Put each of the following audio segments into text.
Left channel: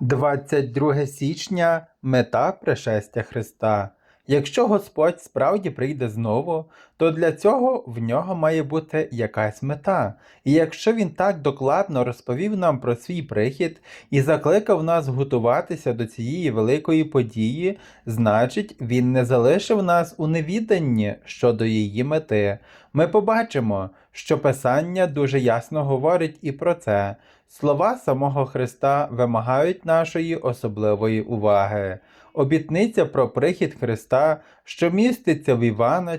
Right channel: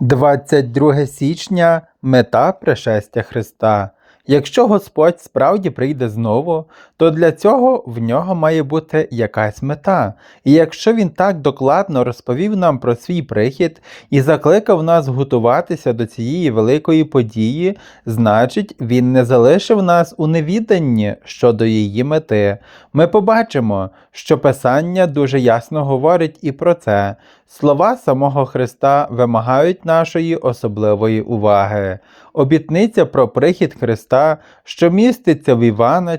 22 січня мета пришестя Христа. Якщо Господь справді прийде знову, то для цього в нього має бути якась мета. І якщо він так докладно розповів нам про свій прихід і закликав нас готуватися до цієї великої події, значить він не залишив нас у невіданні щодо її мети. Ми побачимо, що Писання дуже ясно говорить і про це. Слова самого Христа вимагають нашої особливої уваги. Обітниця про прихід Христа, що міститься в Івана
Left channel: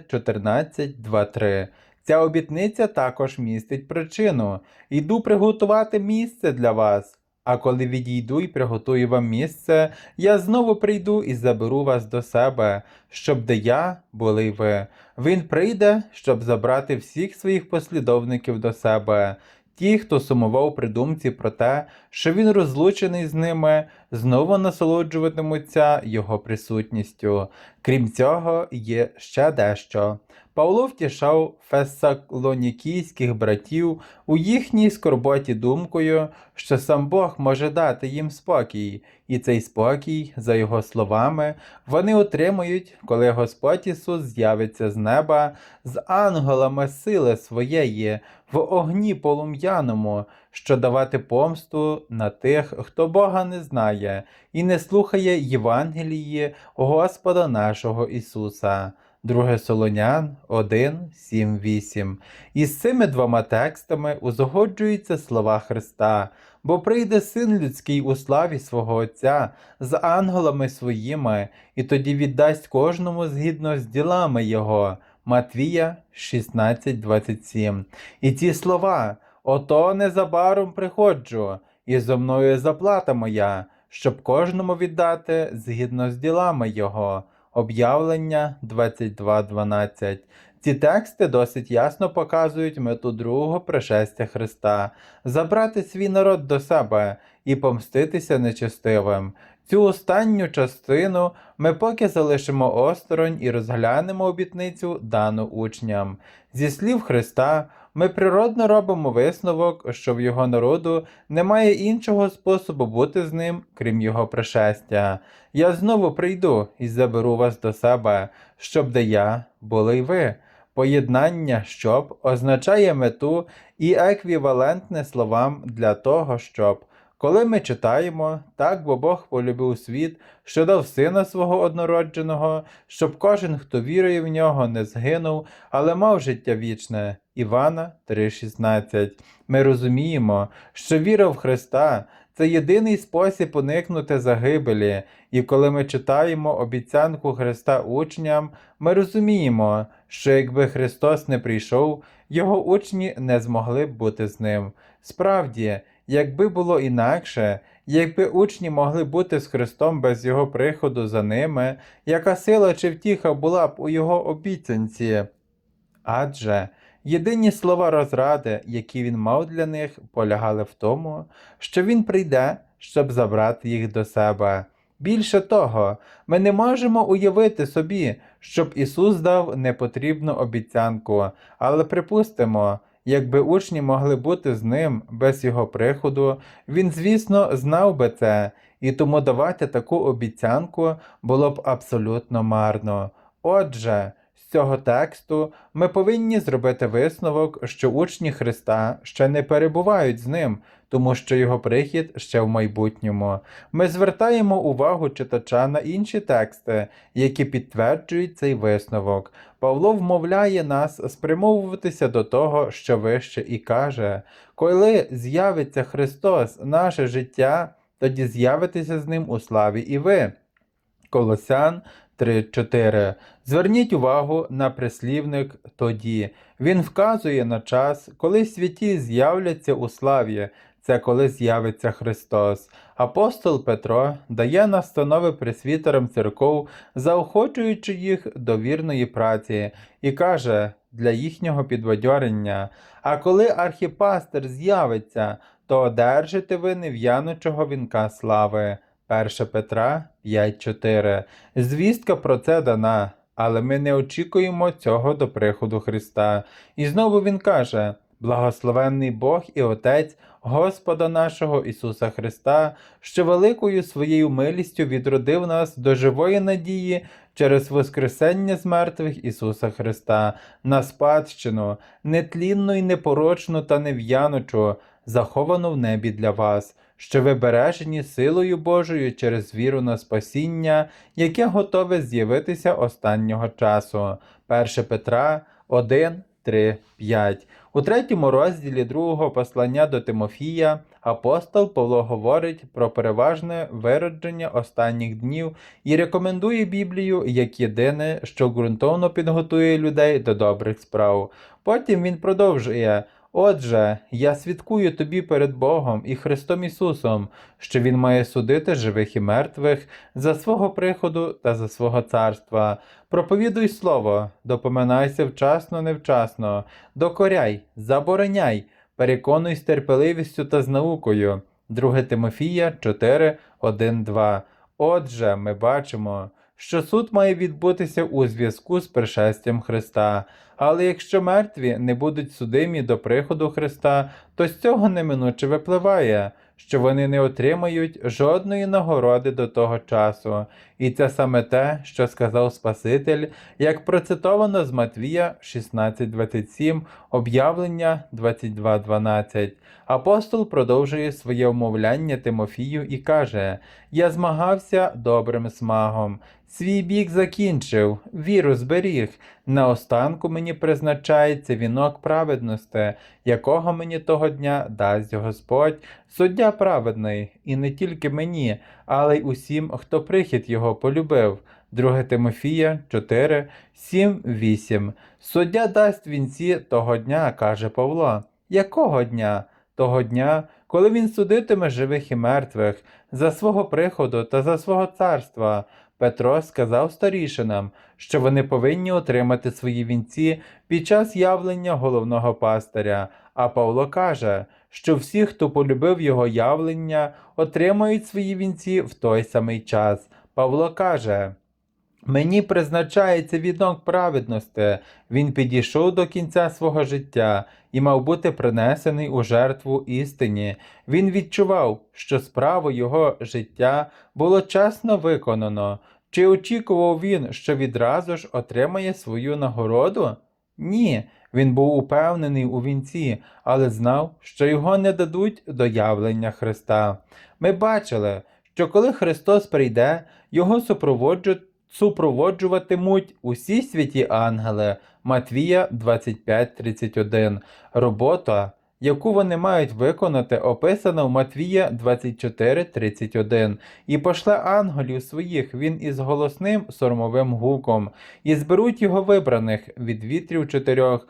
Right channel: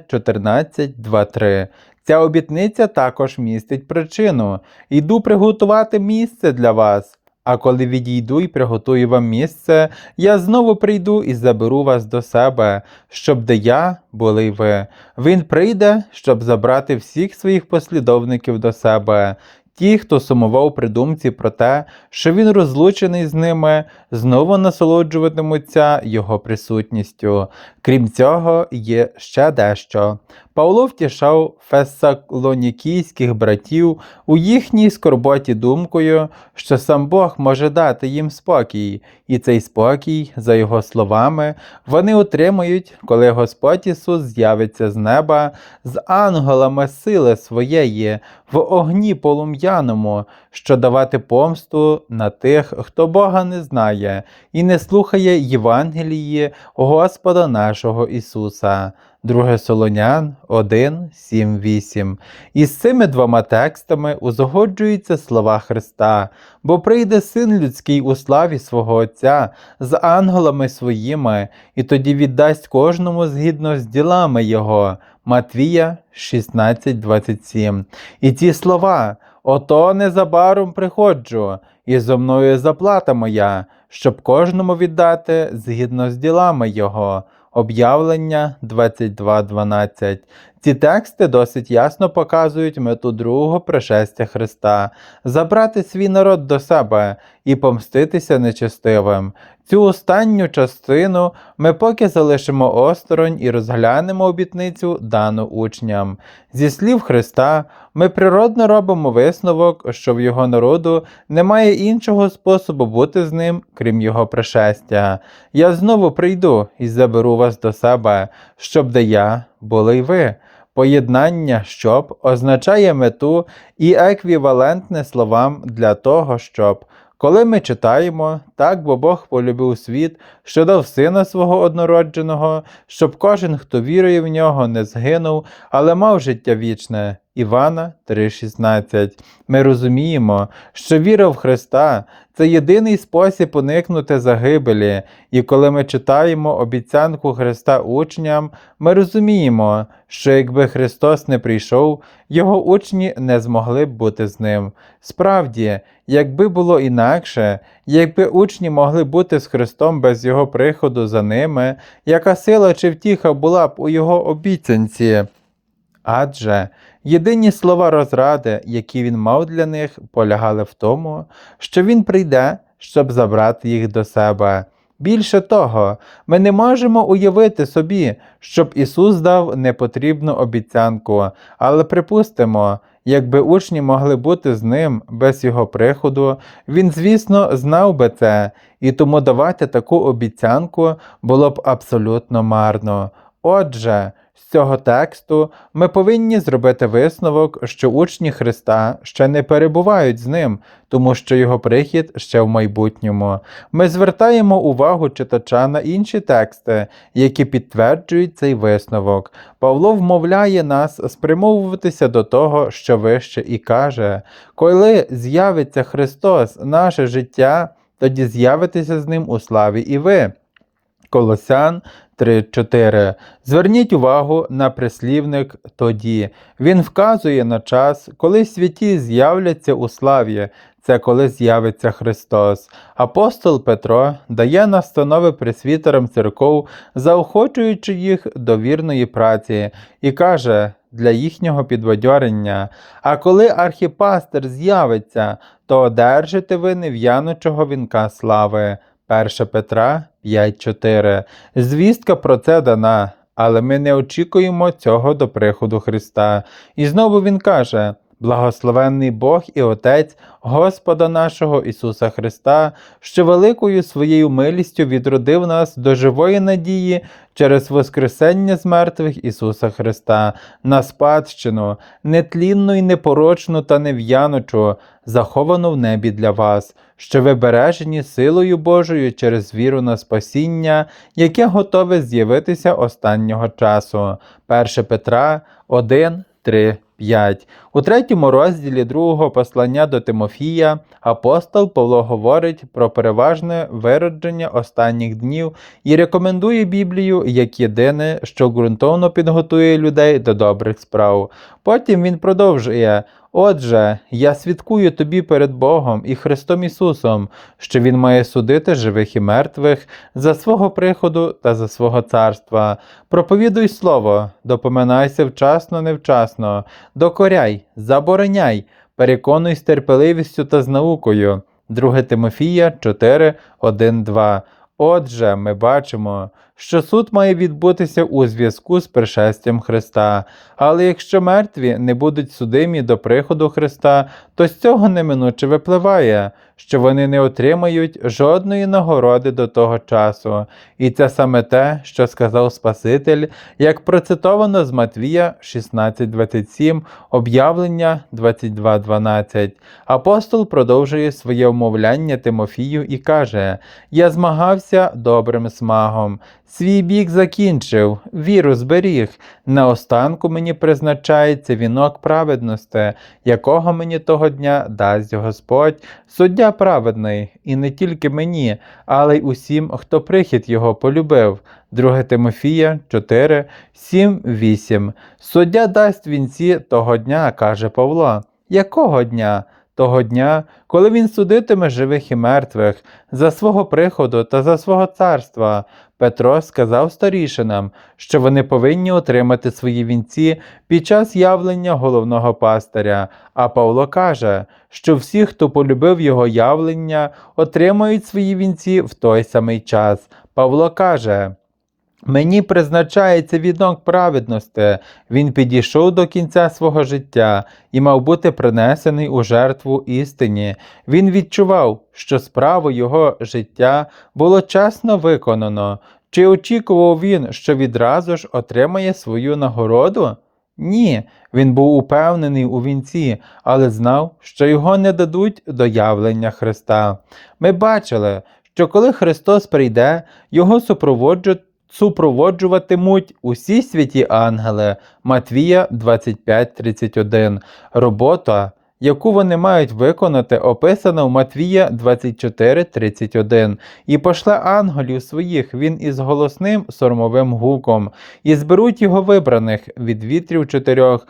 14.2.3. Ця обітниця також містить причину. Йду приготувати місце для вас. А коли відійду і приготую вам місце, я знову прийду і заберу вас до себе, щоб де я були ви. Він прийде, щоб забрати всіх своїх послідовників до себе. Ті, хто сумував при думці про те, що він розлучений з ними, знову насолоджуватимуться його присутністю. Крім цього, є ще дещо. Павло втішав фесалонікійських братів у їхній скорботі думкою, що сам Бог може дати їм спокій, і цей спокій, за його словами, вони отримують, коли Господь Ісус з'явиться з неба з ангелами сили своєї в огні полум'яному, що давати помсту на тих, хто Бога не знає і не слухає Євангелії Господа нашого Ісуса. 2 Солонян 1, 7, 8. І з цими двома текстами узгоджуються слова Христа, бо прийде син людський у славі свого Отця з ангелами своїми, і тоді віддасть кожному згідно з ділами Його. Матвія 16, 27. І ці слова Ото незабаром приходжу, і зо мною заплата моя, щоб кожному віддати згідно з ділами Його. Об'явлення 22.12. Ці тексти досить ясно показують мету другого пришестя Христа забрати свій народ до себе і помститися нечестивим. Цю останню частину ми поки залишимо осторонь і розглянемо обітницю дану учням. Зі слів Христа, ми природно робимо висновок, що в його народу немає іншого способу бути з ним, крім його пришестя. Я знову прийду і заберу вас до себе, щоб де я були й ви. Поєднання щоб означає мету і еквівалентне словам для того, щоб. Коли ми читаємо, так бо Бог полюбив світ, що дав сина свого однородженого, щоб кожен, хто вірує в нього, не згинув, але мав життя вічне. Івана 3,16. Ми розуміємо, що віра в Христа це єдиний спосіб уникнути загибелі, і коли ми читаємо обіцянку Христа учням, ми розуміємо, що якби Христос не прийшов, його учні не змогли б бути з ним. Справді, якби було інакше, якби учні могли бути з Христом без Його приходу за ними, яка сила чи втіха була б у Його обіцянці? Адже єдині слова розради, які він мав для них, полягали в тому, що він прийде, щоб забрати їх до себе. Більше того, ми не можемо уявити собі, щоб Ісус дав непотрібну обіцянку, але припустимо, якби учні могли бути з ним без його приходу, він, звісно, знав би це, і тому давати таку обіцянку було б абсолютно марно. Отже, з цього тексту ми повинні зробити висновок, що учні Христа ще не перебувають з ним, тому що його прихід ще в майбутньому. Ми звертаємо увагу читача на інші тексти, які підтверджують цей висновок. Павло вмовляє нас спрямовуватися до того, що вище, і каже: коли з'явиться Христос, наше життя, тоді з'явитеся з ним у славі і ви. Колосян 3.4. Зверніть увагу на прислівник тоді. Він вказує на час, коли святі з'являться у славі. Це коли з'явиться Христос. Апостол Петро дає настанови пресвітерам церков, заохочуючи їх до вірної праці, і каже для їхнього підбадьорення: А коли архіпастер з'явиться, то одержите ви нев'янучого вінка слави. 1 Петра 5.4. Звістка про це дана, але ми не очікуємо цього до приходу Христа. І знову він каже: Благословенний Бог і Отець Господа нашого Ісуса Христа, що великою своєю милістю відродив нас до живої надії через Воскресення з мертвих Ісуса Христа, на спадщину, нетлінну і непорочну та нев'яночу, заховану в небі для вас, що ви бережені силою Божою через віру на спасіння, яке готове з'явитися останнього часу. 1 Петра 1, 3, 5. У третьому розділі другого послання до Тимофія апостол Павло говорить про переважне виродження останніх днів і рекомендує Біблію як єдине, що ґрунтовно підготує людей до добрих справ. Потім він продовжує. Отже, я свідкую тобі перед Богом і Христом Ісусом, що Він має судити живих і мертвих за свого приходу та за свого царства. Проповідуй слово, допоминайся вчасно, невчасно, докоряй, забороняй, переконуй з терпеливістю та з наукою. 2 Тимофія 4, 1, 2. Отже, ми бачимо, що суд має відбутися у зв'язку з пришестям Христа. Але якщо мертві не будуть судимі до приходу Христа, то з цього неминуче випливає, що вони не отримають жодної нагороди до того часу. І це саме те, що сказав Спаситель, як процитовано з Матвія 16.27, об'явлення 22.12. Апостол продовжує своє умовляння Тимофію і каже: Я змагався добрим смагом, свій бік закінчив, віру зберіг. Наостанку мені призначається вінок праведності, якого мені того дня дасть Господь, суддя праведний, і не тільки мені, але й усім, хто прихід його полюбив. 2 Тимофія 4, 7, 8. Суддя дасть вінці того дня, каже Павло. Якого дня? Того дня, коли він судитиме живих і мертвих за свого приходу та за свого царства. Петро сказав старішинам, що вони повинні отримати свої вінці під час явлення головного пастиря, а Павло каже, що всі, хто полюбив його явлення, отримають свої вінці в той самий час. Павло каже. Мені призначається віднок праведності, він підійшов до кінця свого життя і мав бути принесений у жертву істині. Він відчував, що справу його життя було чесно виконано. Чи очікував він, що відразу ж отримає свою нагороду? Ні, він був упевнений у вінці, але знав, що його не дадуть до явлення Христа. Ми бачили, що коли Христос прийде, його супроводжують супроводжуватимуть усі святі ангели Матвія 25.31. Робота, яку вони мають виконати, описана в Матвія 24.31. І пошле ангелів своїх він із голосним сормовим гуком, і зберуть його вибраних від вітрів чотирьох,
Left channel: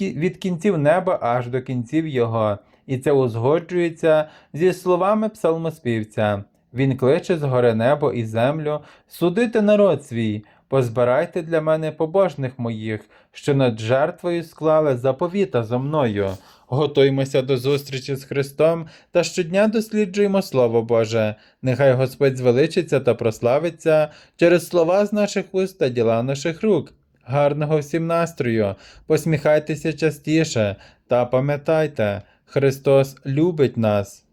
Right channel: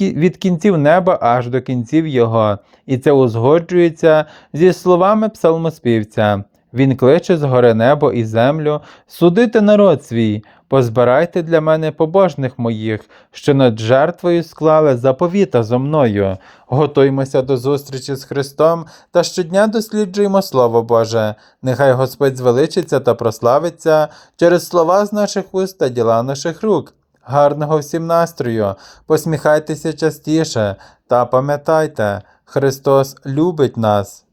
від кінців неба аж до кінців його. І це узгоджується зі словами псалмоспівця. Він кличе згори небо і землю, судити народ свій, позбирайте для мене побожних моїх, що над жертвою склали заповіта зо мною. Готуймося до зустрічі з Христом та щодня досліджуємо Слово Боже. Нехай Господь звеличиться та прославиться через слова з наших уст та діла наших рук. Гарного всім настрою, посміхайтеся частіше та пам'ятайте, Христос любить нас.